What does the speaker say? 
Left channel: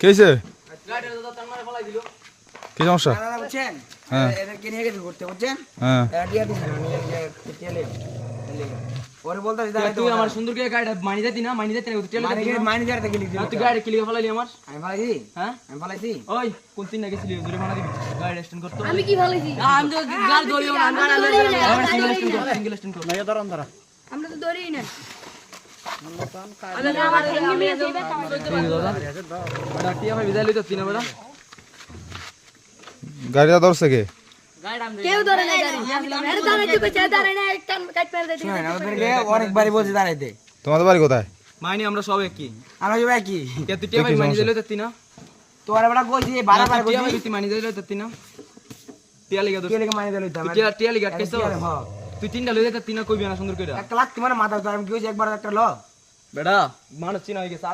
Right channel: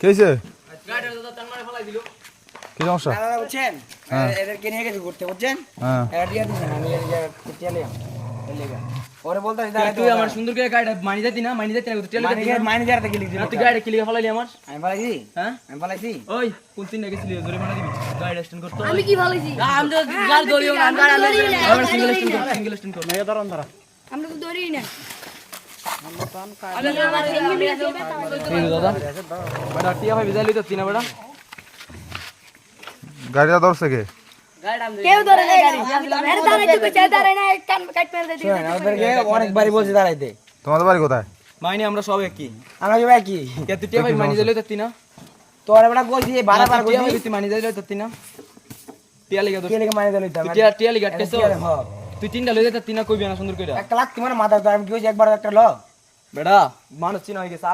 কেছে গাড়িটা তো তার মারে ফলাই দিল। কি সমস্যা? দাদা বুঝছেন হ্যাঁ। এদেরকে নিয়ে গেছি ঘুরতে বুঝছেন হ্যাঁ এরা দিয়ে দিচ্ছেন আমি চলে ওরে বলতেছি দাদা তুই আমার সুন্দর করে গাড়িটা মানি দিতি না তুই চলে যেতি না। মাইনে যাতে গেলি তুই গাড়ি কিলিয়ে ফলাইলি আমার। আমি পালাইছি হ্যাঁ আমি পালাইছি ওই কোন তিন না গেছিলি ধরে মানা দিবি গাড়ি স্ট্যান্ড করতে। আমি কি ভালোইছি আমি তো গাড়ি ধরিও না আমরা তো ধরি না, আমরা সিঙ্গেল ধরি স্ট্যান্ড না। সিঙ্গেল স্ট্যান্ড কর। আমরা তো ধরি না দাদা বড় টিয়া ভাই বিদায় লইতো তিনা বড় গাড়িটা ধরছে কে? কেউ ধরে না গাড়ি আরে দাঁড়া একটু পেছনে দাঁড়ায় না এক কান কাট মেরে দিই শুনেন ওদেরকে অনেকবারই বলছি দাঁড়াইতে তোমাদের বাড়ি কোথায়? মাইনে আমরা সব একই। আমরা যাবে কি কে তুই টিয়া ভাই মানি দিলে তো তিনা তোর বেলা কইছি বারবার টিয়া কইছি ভাই তুই মানি দিলে তো তিনা টিয়া লাগা তো কে লেগে মাইনে দিল তো টিয়া লাগা আটকেছো তুই তিনটা লইতে তো তিনা কইবি না সুন্দর কইরা একটা লাখ তোমার মাথা তো আমি কইছি একবার একটা ল বেটা মানুষ চিনা হয়ে গেছে।